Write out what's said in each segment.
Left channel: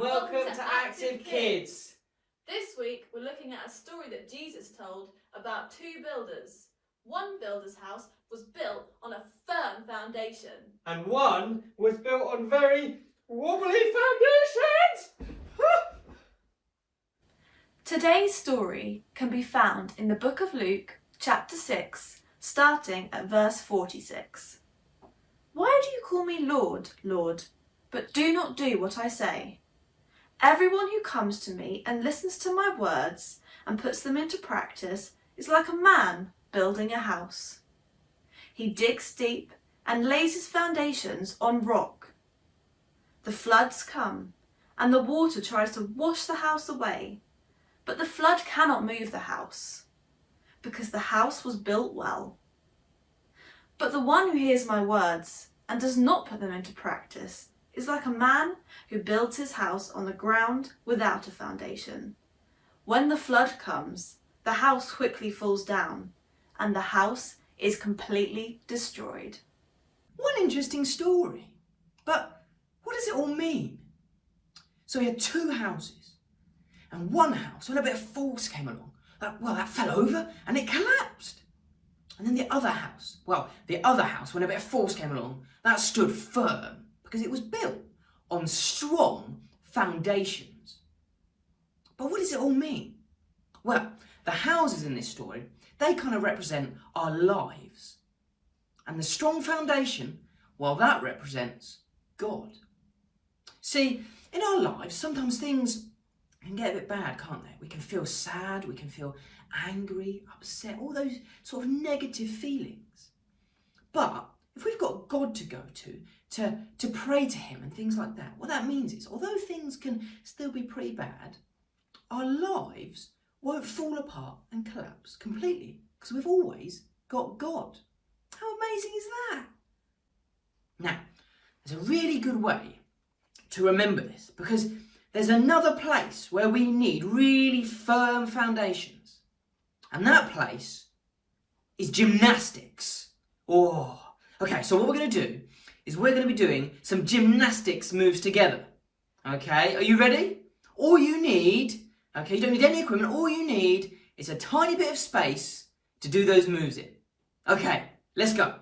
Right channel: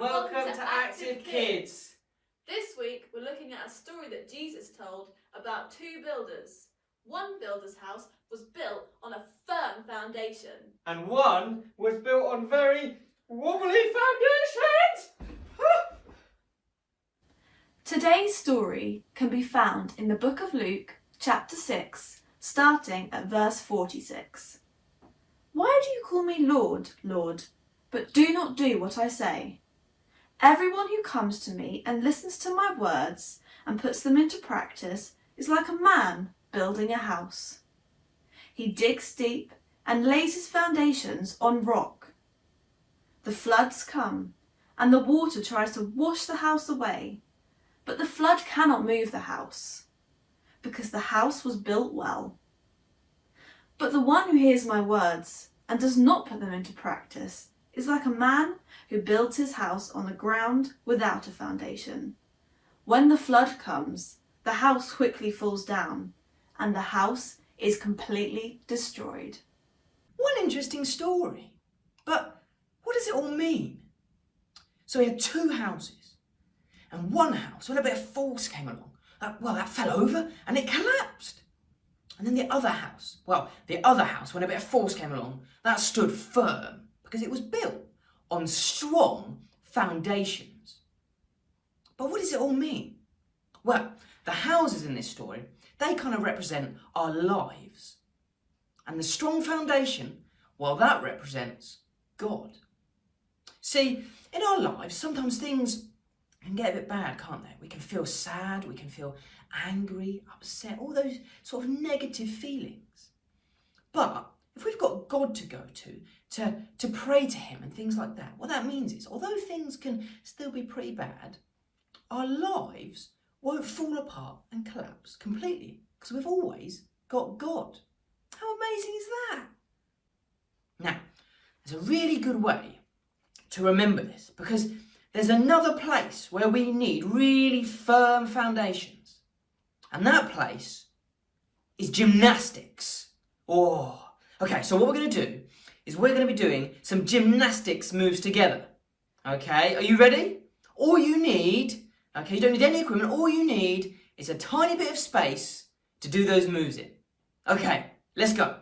welcome to Active Kids. This week we're looking at a story that Jesus told about two builders. One builder's house was built on a firm foundation. And one was built on very wobbly foundations. Today's story can be found in the book of Luke, chapter 6, starting at verse 46. Why do you call me Lord, Lord, but do not do what I say? Everyone who comes to me and listens to my words and puts them into practice is like a man building a house. He digs deep and lays his foundations on rock. The floods come and the water tries to wash the house away, but the flood cannot move the house because the house was built well. But the one who hears my words and does not put them into practice is like a man who builds his house on the ground without a foundation. When the flood comes, the house quickly falls down and the house is completely destroyed. What an interesting story. But what does it all mean? So we had two houses, and one house, when a bit of force came along, that fell over and it collapsed. And then the other house, when a bit of force came along, that stood firm because it was built on strong foundations. But what does it all mean? Well, the houses in this story, they kind of represent our lives. And the strong foundation, well, that represents God. See, in our lives, sometimes things can get a bit bad, can't they? We can feel sad, we can feel angry, upset, all those sort of negative feelings. But if we've got God to go to pray to him and things like that, what that means is, although things can still be pretty bad, our lives won't fall apart and collapse completely because we've always got God. How amazing is that? Now, there's a really good way to remember this because there's another place where we need really firm foundations. And that place is gymnastics. Oh, okay, so what we're going to do is we're going to be doing some gymnastics moves together. Okay, are you ready? All you need, okay, you don't need any equipment, all you need is a tiny bit of space to do those moves in. Okay, let's go.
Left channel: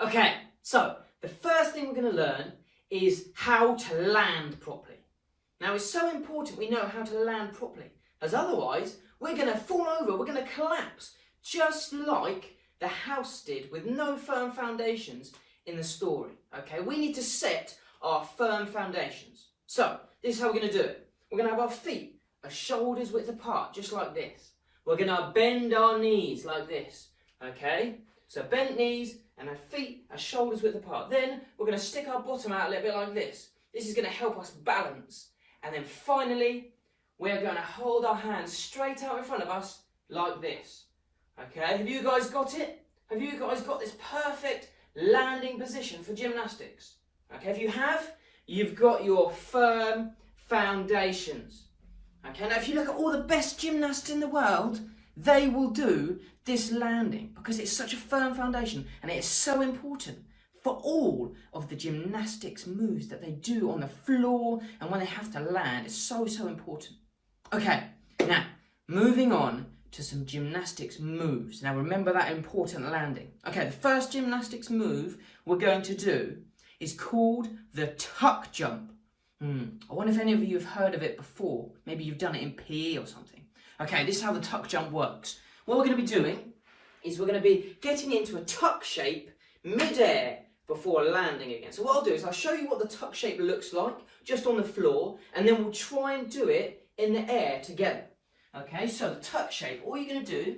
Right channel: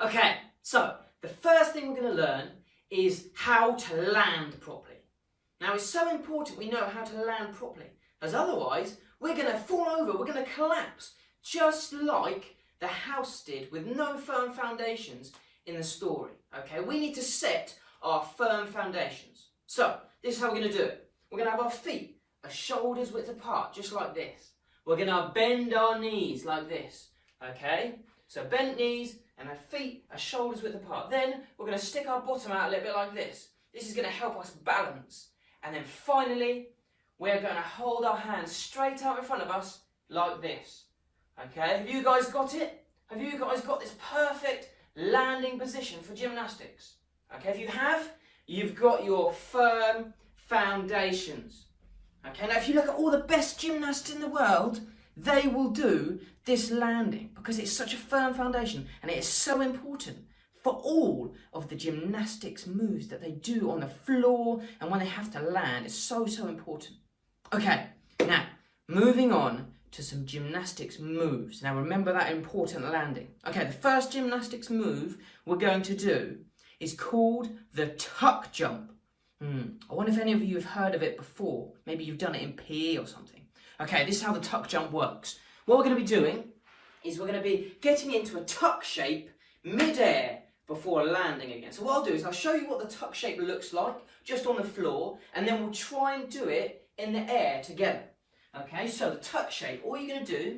Okay, so the first thing we're going to learn is how to land properly. Now, it's so important we know how to land properly, as otherwise we're going to fall over, we're going to collapse, just like the house did with no firm foundations in the story. Okay, we need to set our firm foundations. So, this is how we're going to do it. We're going to have our feet a shoulders width apart, just like this. We're going to bend our knees like this. Okay, so bent knees and our feet are shoulders width apart. Then we're going to stick our bottom out a little bit like this. This is going to help us balance. And then finally, we're going to hold our hands straight out in front of us like this. Okay, have you guys got it? Have you guys got this perfect landing position for gymnastics? Okay, if you have, you've got your firm foundations. Okay, now if you look at all the best gymnasts in the world, they will do this landing because it's such a firm foundation and it is so important for all of the gymnastics moves that they do on the floor and when they have to land. It's so important. Okay, now moving on to some gymnastics moves. Now remember that important landing. Okay, the first gymnastics move we're going to do is called the tuck jump. I wonder if any of you have heard of it before. Maybe you've done it in PE or something. Okay, this is how the tuck jump works. What we're going to be doing is we're going to be getting into a tuck shape mid-air before landing again. So what I'll do is I'll show you what the tuck shape looks like just on the floor, and then we'll try and do it in the air together. Okay, so the tuck shape, all you're going to do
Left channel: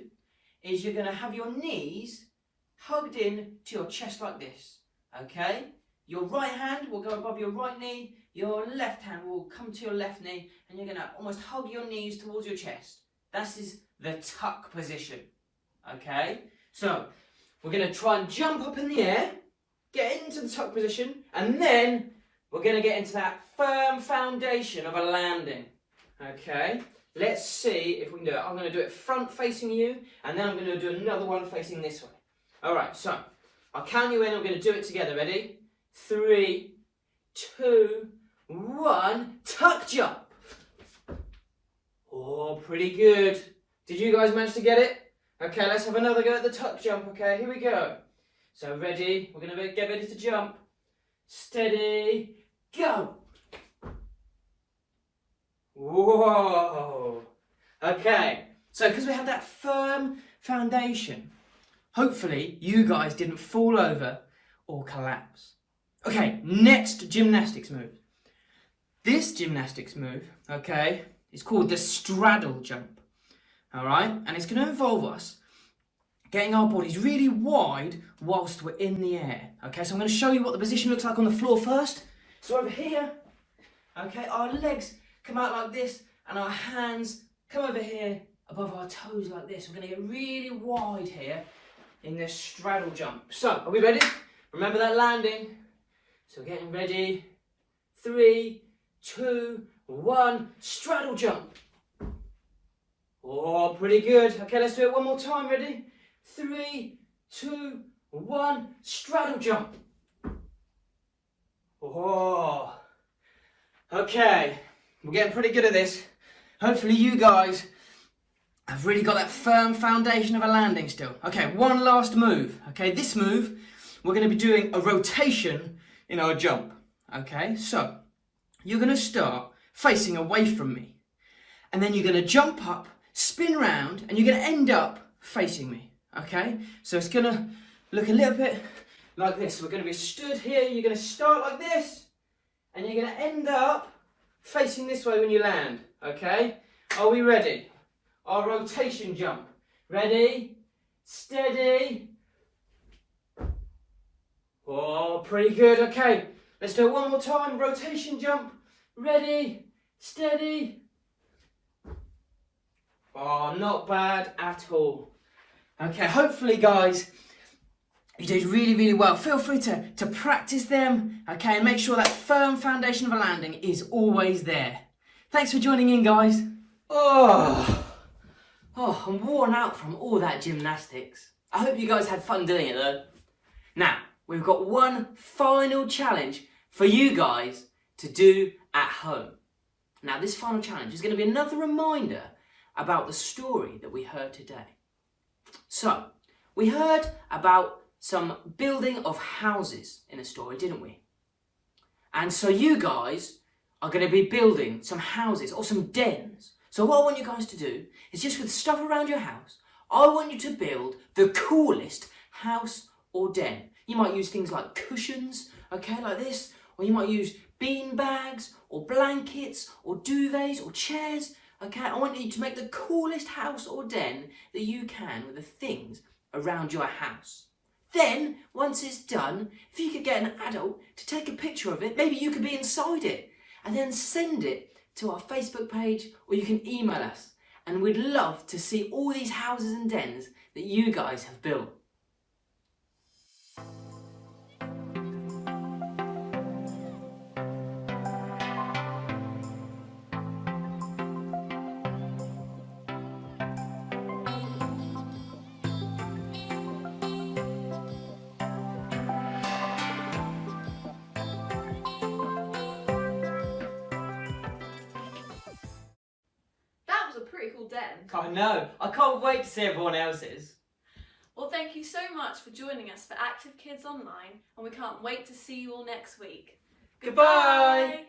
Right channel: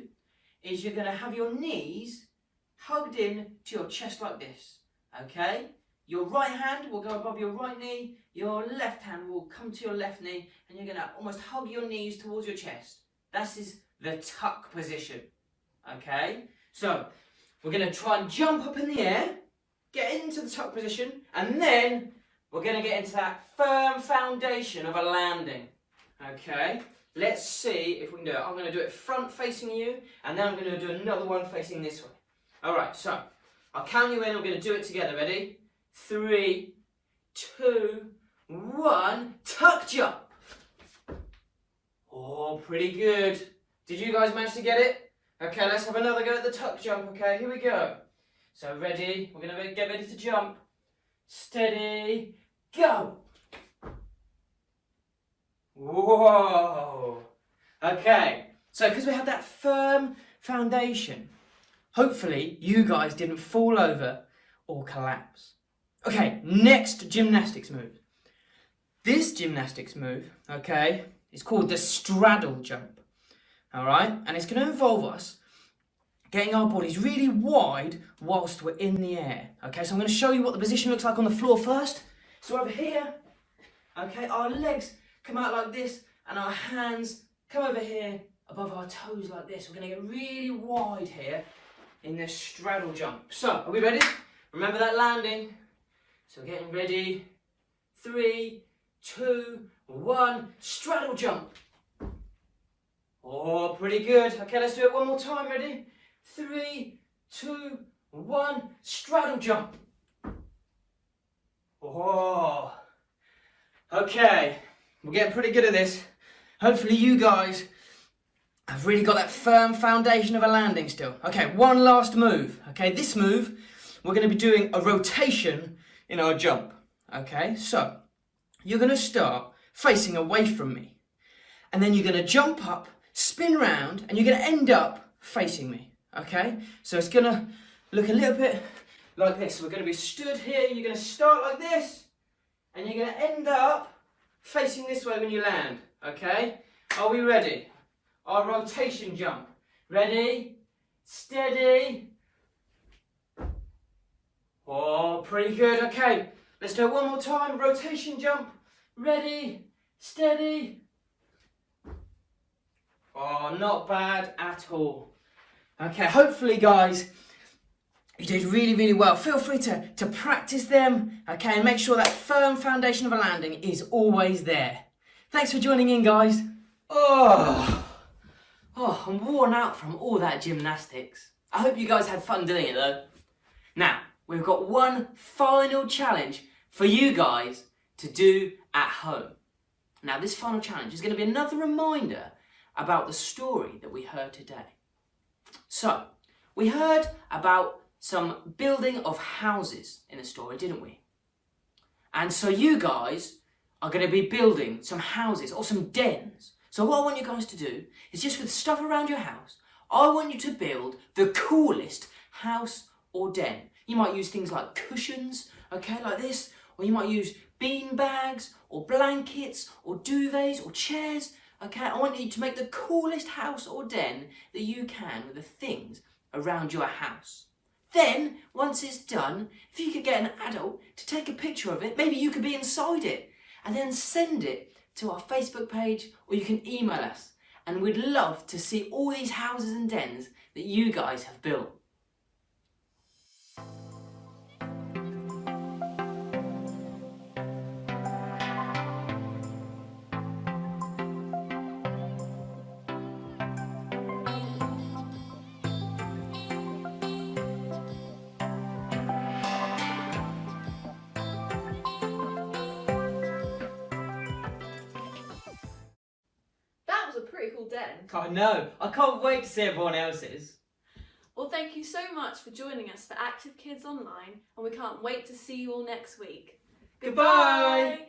is you're going to have your knees hugged in to your chest like this. Okay, your right hand will go above your right knee, your left hand will come to your left knee, and you're going to almost hug your knees towards your chest. That is the tuck position. Okay, so we're going to try and jump up in the air, get into the tuck position, and then we're going to get into that firm foundation of a landing. Okay, let's see if we can do it. I'm going to do it front facing you, and then I'm going to do another one facing this way. Alright, so I'll count you in and we're going to do it together. Ready? 3, 2, 1, tuck jump. Oh, pretty good. Did you guys manage to get it? Okay, let's have another go at the tuck jump. Okay, here we go. So ready, we're going to get ready to jump. Steady, go. Whoa. Okay, so because we have that firm foundation, hopefully you guys didn't fall over or collapse. Okay, next gymnastics move. This gymnastics move, okay, is called the straddle jump. All right, and it's going to involve us getting our bodies really wide whilst we're in the air. Okay, so I'm going to show you what the position looks like on the floor first. So over here, okay, our legs come out like this and our hands come over here above our toes like this. We're going to get really wide here in this straddle jump. So, are we ready? Remember that landing. So getting ready. 3, 2, 1, straddle jump. Oh, pretty good. Okay, let's do it one more time. Ready? 3, 2, 1, straddle jump. Oh. Okay, we're getting pretty good at this. Hopefully you guys have really got that firm foundation of a landing still. Okay, one last move. Okay, this move, we're going to be doing a rotation in our jump. Okay, so you're going to start facing away from me. And then you're going to jump up, spin round, and you're going to end up facing me. Okay, so it's going to look a little bit like this. We're going to be stood here. You're going to start like this, and you're going to end up facing this way when you land. Okay, are we ready? Our rotation jump. Ready, steady. Oh, pretty good. Okay, let's do it one more time. Rotation jump. Ready, steady. Oh, not bad at all. Okay, hopefully guys, you did really, really well. Feel free to practice them, okay, and make sure that firm foundation of a landing is always there. Thanks for joining in, guys. Oh, I'm worn out from all that gymnastics. I hope you guys had fun doing it though. Now, we've got one final challenge for you guys to do at home. Now, this final challenge is going to be another reminder about the story that we heard today. So, we heard about some building of houses in a story, didn't we? And so you guys are going to be building some houses or some dens. So what I want you guys to do is just with stuff around your house, I want you to build the coolest house or den. You might use things like cushions, okay, like this, or you might use bean bags or blankets or duvets or chairs. Okay, I want you to make the coolest house or den that you can with the things around your house. Then, once it's done, if you could get an adult to take a picture of it, maybe you could be inside it, and then send it to our Facebook page, or you can email us. And we'd love to see all these houses and dens that you guys have built. A pretty cool den. I know. I can't wait to see everyone else's. Well, thank you so much for joining us for Active Kids Online, and we can't wait to see you all next week. Goodbye.